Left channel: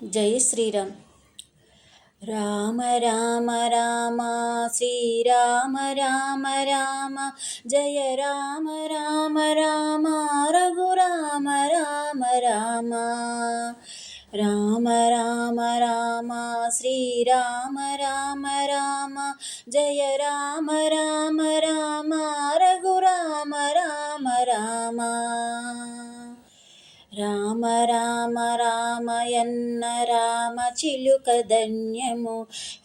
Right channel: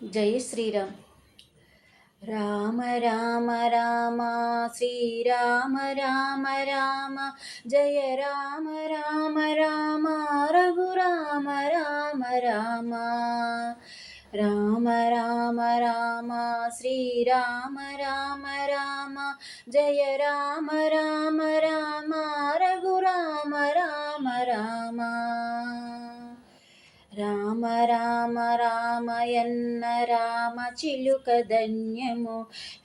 జై శ్రీరామ్. రామ రామ రామ శ్రీరామ రామ రామ జయ రామ రామ రామ రఘురామ రామ రామ రామ రామ రామ శ్రీరామ రామ రామ జయ రామ రామ రామ రఘురామ రామ రామ రామ రామ రామయన్న రామ చిలుక ధన్యము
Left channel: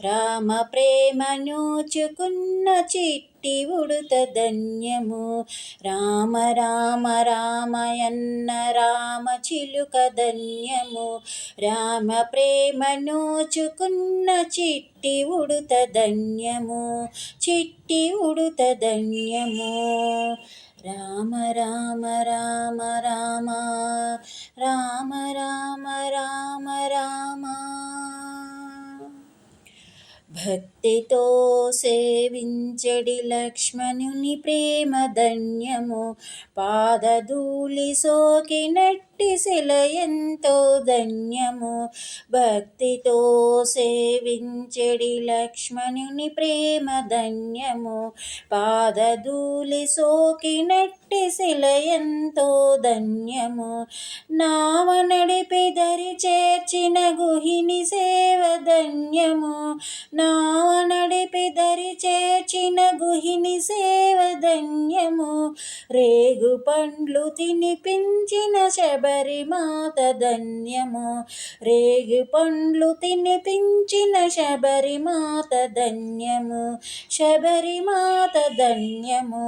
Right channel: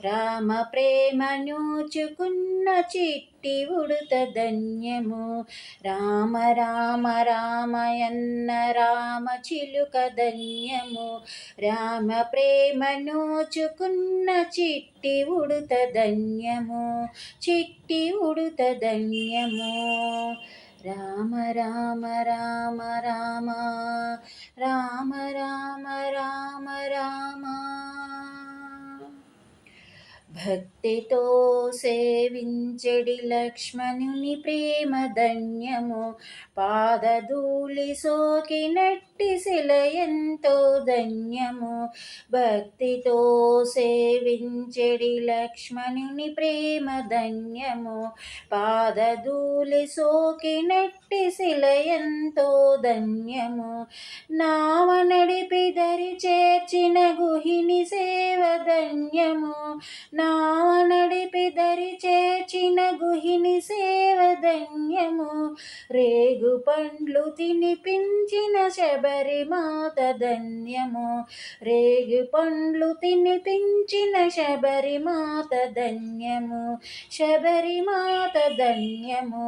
రామ ప్రేమ నూచుకున్న చిట్టి ఉడుత ధన్యము రామ రామ రామయన్న రామ చిలుక ధన్యము రామ ప్రేమ నూచుకున్న చిట్టి ఉడుత ధన్యము చిట్టి ఉడుత ధన్యము రామ రామ రామ రామ రామ రామ రామ రామ భక్తితో సేవించెడి లక్ష్మణుని ప్రేమ ధన్యము పాదధూళి సోకినట్టి శిల ఎంతో ధన్యము భక్తితో సేవించెడి లక్ష్మణుని ప్రేమ ధన్యము పాదధూళి సోకినట్టి శిల ఎంతో ధన్యము నావ నడిపి దరి చేర్చిన గుహిని సేవ ధన్యము నావ నడిపి దరి చేర్చిన గుహిని సేవ ధన్యము రేగు పండ్లు తినిపించిన శబరిమాత ధన్యము రేగు పండ్లు తినిపించిన శబరిమాత ధన్యము శబరిమాత ధన్యము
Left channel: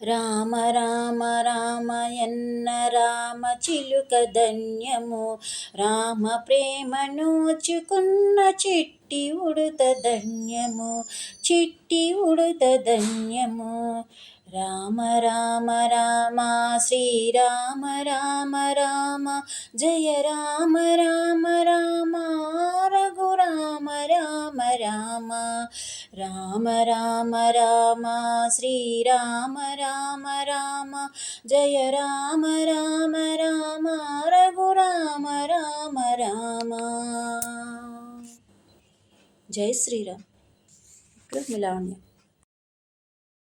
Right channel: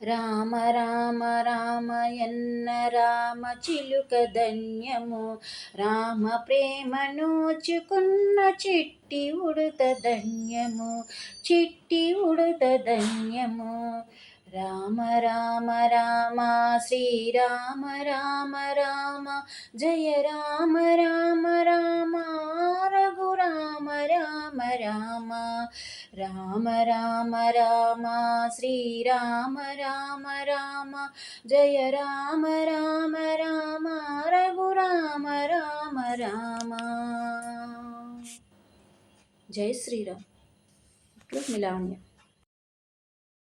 రామ రామ రామయన్న రామ చిలుక ధన్యము రామ ప్రేమ నోచుకున్న చిట్టి ఉడుత ధన్యము చిట్టి ఉడుత ధన్యము రామ రామ రామ శ్రీరామ రామ రామ జయ రామ రామ రామ రఘురామ రామ రామ రామ రామ రామ శ్రీరామ రామ రామ జయ రామ రామ రామ రఘురామ రామ రామ. జై శ్రీరామ్. మిలాన్య.